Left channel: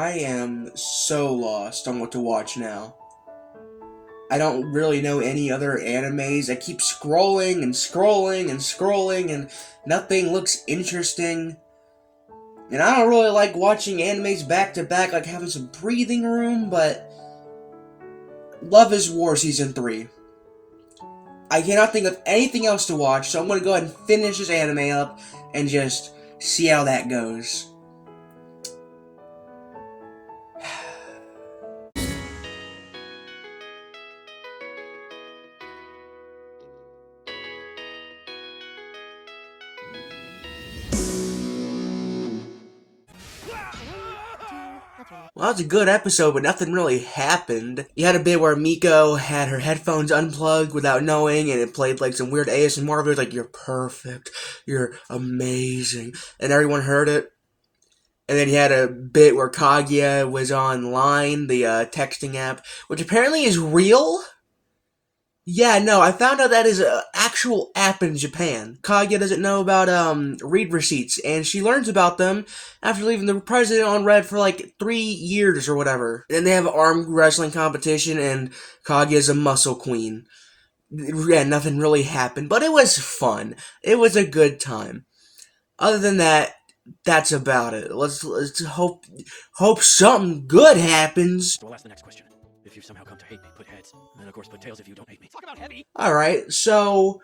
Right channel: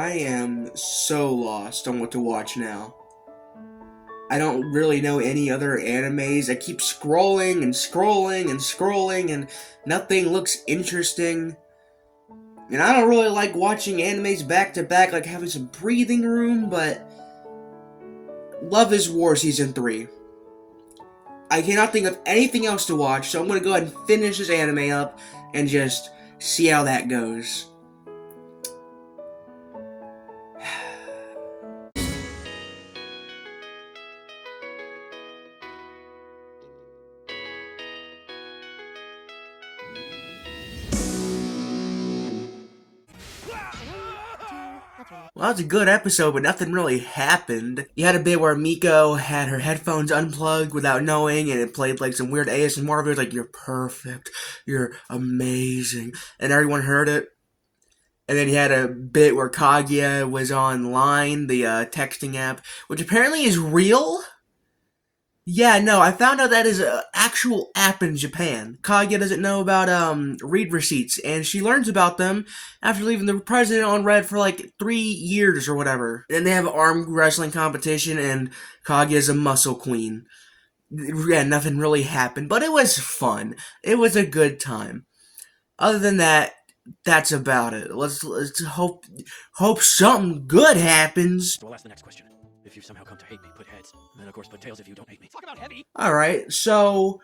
I am so lost on what to watch now. I don't really know any other animes. I keep scrolling and scrolling and scrolling and nothing looks interesting. And I don't really like watching animes back to back, like having some breathing room, but Love is War Season 3. I cannot think of anything else to watch, so I'm gonna go ahead and finish this anime up and just see how that goes. Well, that was a good episode, but nothing really happened. You had a bit where Miko had her headphones unplugged without knowing, and it played like some weird ASMR videos like, "You're perfect, you're amazing," and everyone heard it. And then he had a bit where Kaguya was online, the texting app, which apparently is real. Yeah, no, I found out that is an actual app in Japan. Kaguya doesn't know about read receipts, and she learns about them after leaving the president on red for like 3 years or whatever. And they have an arm wrestling competition, and Kaguya's a muscle queen. Yeah, nothing really happened, but it was fun. It was a good time. Other than that, that's about it. Let's hope something good happens. So I'll ask the next question. If you somehow come to hate me, put heads. And then of course put tails if you don't hate me. Talk about heavy. Alright, so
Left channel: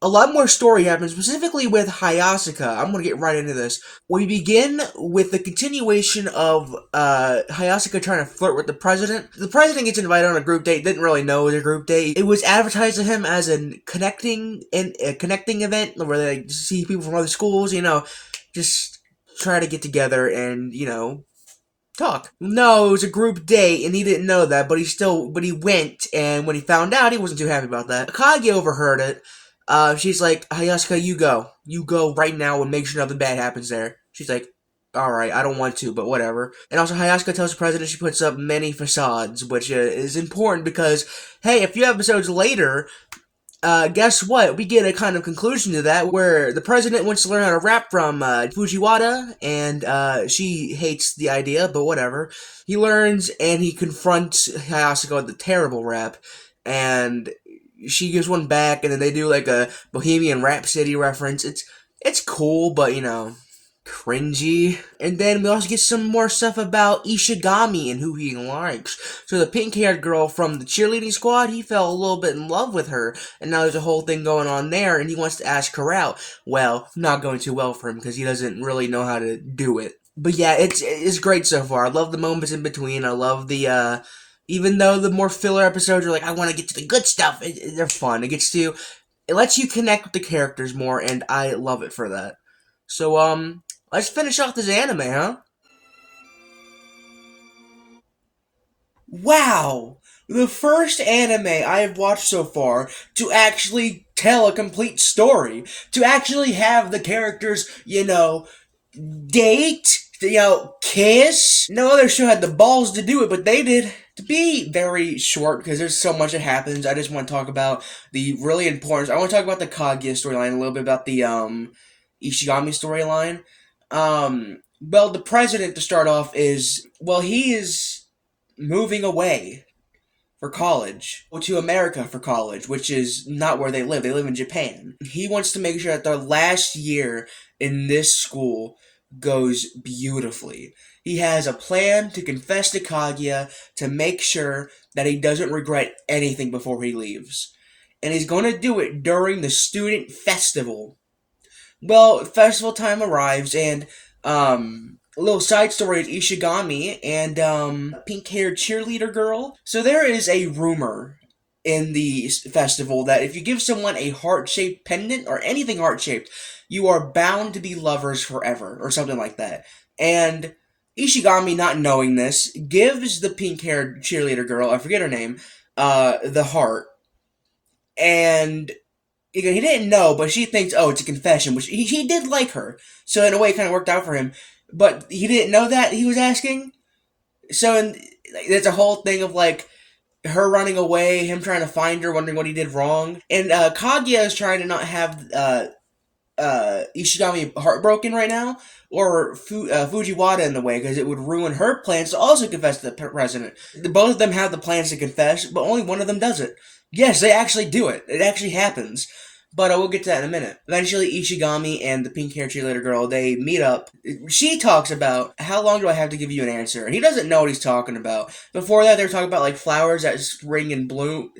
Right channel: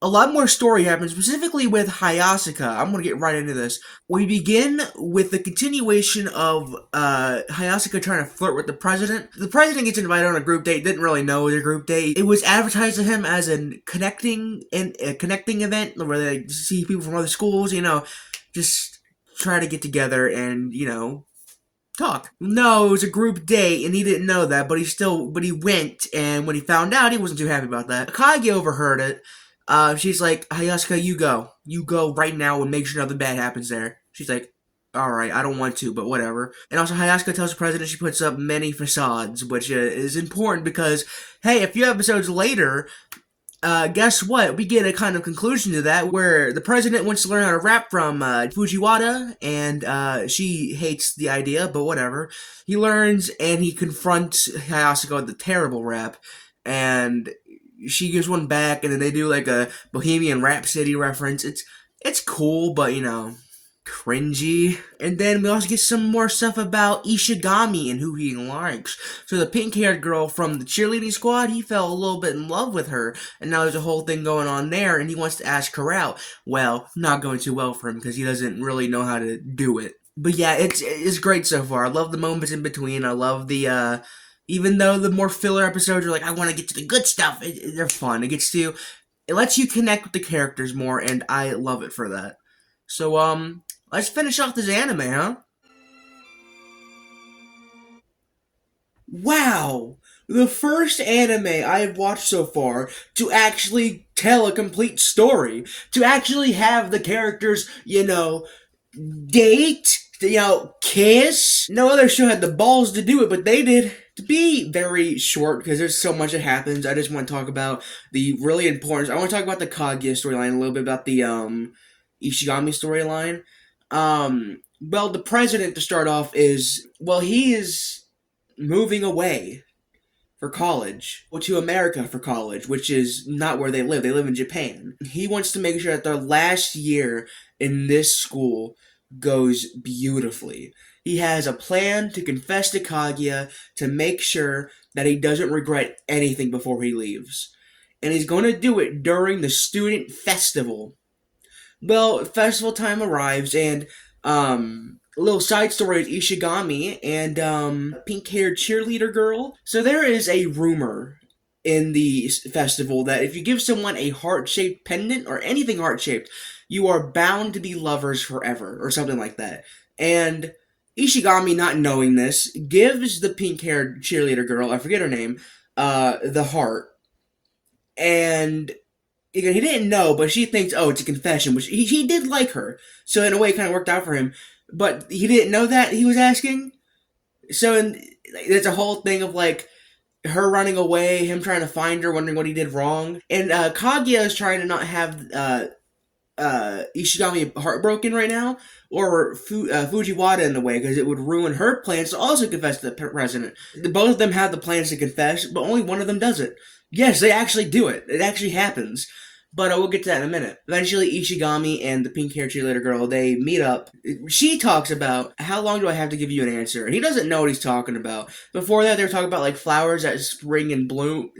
a lot more story happens, specifically with Hayasaka. I'm gonna get right into this. We begin with the continuation of Hayasaka trying to flirt with the president. The president gets invited on a group date, didn't really know it was a group date. It was advertised to him as a connecting event where they see people from other schools, just try to get together and, talk. No, it was a group date, and he didn't know that, but he went, and when he found out, he wasn't too happy about that. Kaguya overheard it. She's like, "Hayasaka, you go right now and make sure nothing bad happens there." She's like, "Alright, I don't want to, but whatever." And also, Hayasaka tells the president she puts up many facades, which is important because, hey, a few episodes later, guess what? We get a kind of conclusion to that where the president wants to learn how to rap from Fujiwara, and she hates the idea, but whatever. He learns, and he confronts Hayasaka with the terrible rap, and she gives one back, and then they do like a Bohemian Rhapsody reference. It's cool, but cringy. And then we also get some more stuff about Ishigami and who he likes. So the pink-haired girl from the cheerleading squad, he fell a little bit in love with her, and now there's a whole thing going on there, and he wants to ask her out. Well, not going too well for him, because he doesn't really know how to do it. But yeah, it's great so far. I love the moments in between. I love the, even though the more filler episodes are like, I want to get to the good stuff, they're fun. It lets you connect with the characters more, and I love it for that. So, let's finish off this anime, huh? Wow! The first anime I've watched so far to actually tell a complete story. To actually have the characters, date, kiss. No other show had the balls to do it, but they did. To be very short, because there's so much that happens, I just want to talk about the really important... I want to talk about the Kaguya storyline, a little bit about the, Ishigami storyline. Well, the president, to start off, he is moving away for college, to America for college, which is not where they live. They live in Japan. He wants to make sure that their last year in this school goes beautifully. He has a plan to confess to Kaguya to make sure that he doesn't regret anything before he leaves. And he's going to do it during the student festival. Well, festival time arrives, and, a little side story is Ishigami and, pink-haired cheerleader girl. So there is a rumor in the festival that if you give someone a heart-shaped pendant, or anything heart-shaped, you are bound to be lovers forever, or something like that. And Ishigami, not knowing this, gives the pink-haired cheerleader girl, I forget her name, the heart. And he didn't know, but she thinks, oh, it's a confession, which he did like her. So in a way, it kind of worked out for him. But he didn't know that he was asking. So there's a whole thing of, like, her running away, him trying to find her, wondering what he did wrong. And Kaguya is trying to not have Ishigami heartbroken right now, or Fujiwara in the way, because it would ruin her plans to also confess to the president. Both of them have the plans to confess, but only one of them does it. Yes, they actually do it. It actually happens. But we'll get to that in a minute. Eventually, Ishigami and the pink-haired cheerleader girl, they meet up. She talks about, how long do I have to give you an answer? And he doesn't know what he's talking about. Before that, they're talking about, like, flowers that spring and bloom,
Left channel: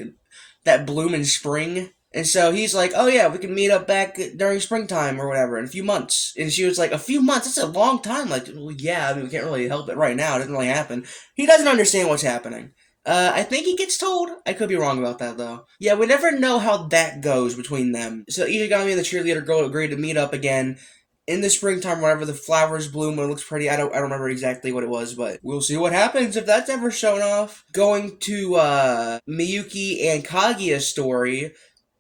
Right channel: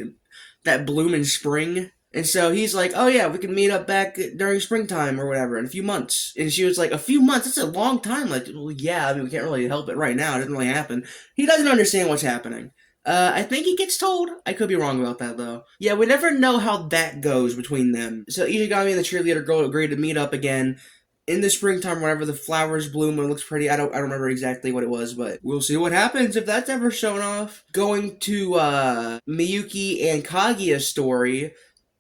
that bloom in spring. And so he's like, oh yeah, we can meet up back during springtime or whatever in a few months. And she was like, a few months? That's a long time. Like, well, yeah, I mean, we can't really help it right now. It doesn't really happen. He doesn't understand what's happening. I think he gets told. I could be wrong about that, though. Yeah, we never know how that goes between them. So Ishigami and the cheerleader girl agreed to meet up again in the springtime whenever the flowers bloom when it looks pretty. I don't remember exactly what it was, but we'll see what happens if that's ever shown off. Going to Miyuki and Kaguya's story,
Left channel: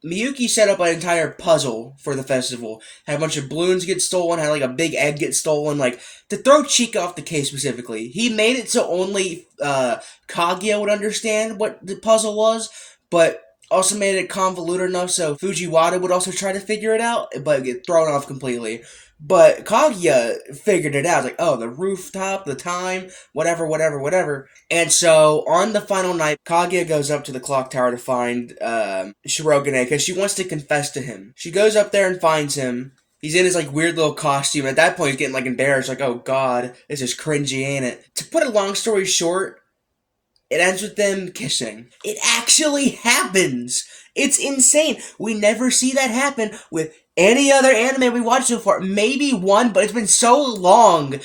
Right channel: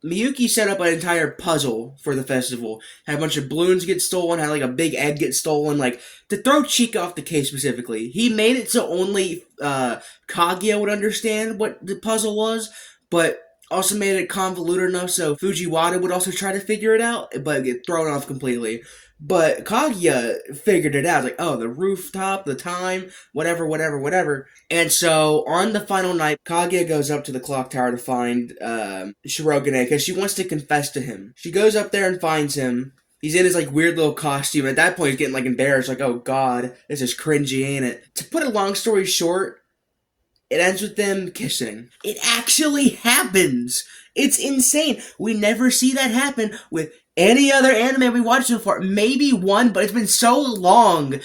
Miyuki set up an entire puzzle for the festival. Had a bunch of balloons get stolen, had like a big egg get stolen, like to throw Cheek off the case specifically. He made it so only Kaguya would understand what the puzzle was, but also made it convoluted enough so Fujiwara would also try to figure it out, but get thrown off completely. But Kaguya figured it out, like, oh, the rooftop, the time, whatever, whatever, whatever. And so, on the final night, Kaguya goes up to the clock tower to find Shirogane, because she wants to confess to him. She goes up there and finds him. He's in his, like, weird little costume. At that point, he's getting, like, embarrassed, like, oh, God, this is cringy, ain't it? To put a long story short, it ends with them kissing. It actually happens! It's insane! We never see that happen with any other anime we watched so far. Maybe one, but it's been so long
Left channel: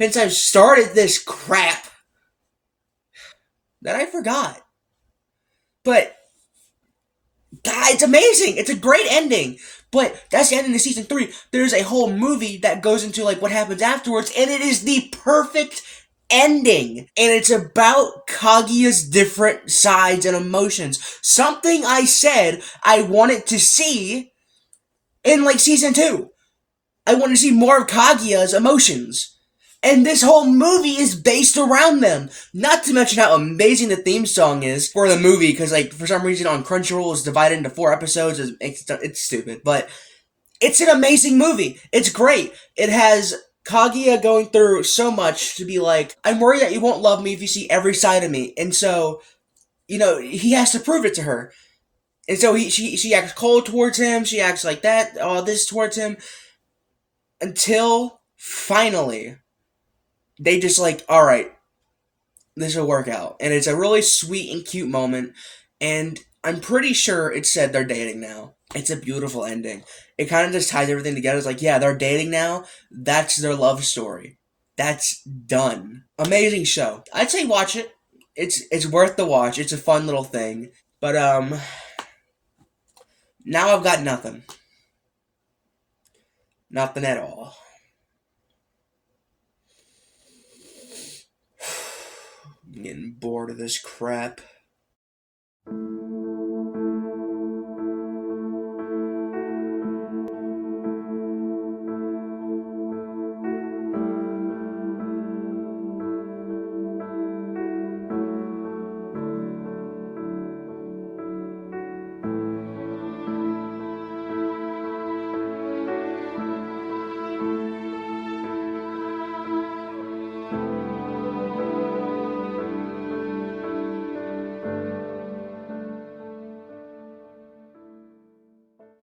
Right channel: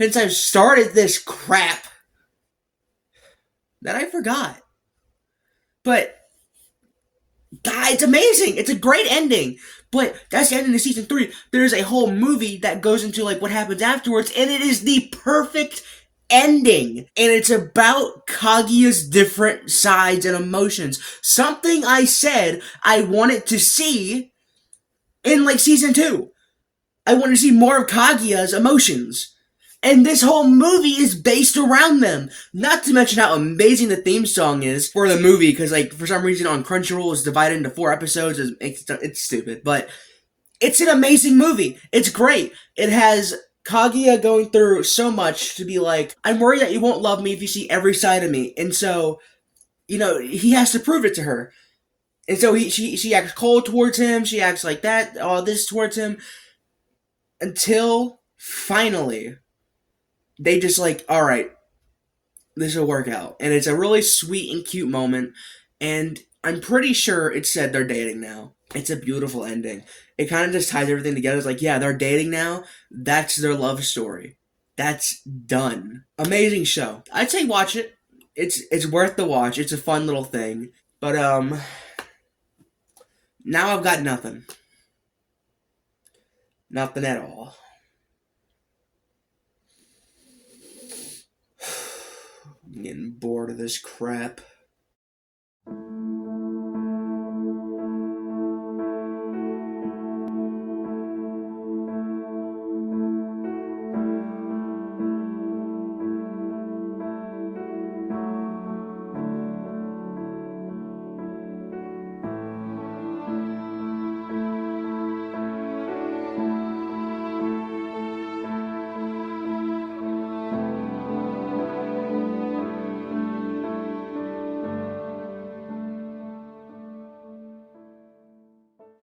since I've started this crap that I forgot. But, God, it's amazing! It's a great ending! But that's the ending of season 3. There's a whole movie that goes into like what happens afterwards, and it is the perfect ending. And it's about Kaguya's different sides and emotions. Something I said I wanted to see in like season 2. I want to see more of Kaguya's emotions. And this whole movie is based around them. Not to mention how amazing the theme song is for the movie, because like for some reason on Crunchyroll it's divided into 4 episodes. It's stupid, but it's an amazing movie. It's great. It has Kaguya going through so much to be like, I'm worried that you won't love me if you see every side of me, and so he has to prove it to her. And so she acts cold towards him. She acts like that, all this towards him, until finally they just like, all right, this will work out. And it's a really sweet and cute moment. And I'm pretty sure it said they're dating now. It's a beautiful ending. It kind of just ties everything together. It's like, yeah, they're dating now. That's their love story. That's done. Amazing show. I'd say watch it. It's worth the watch. It's a fun little thing. But now I've got nothing. Nothing at all. I'm getting bored of this crap.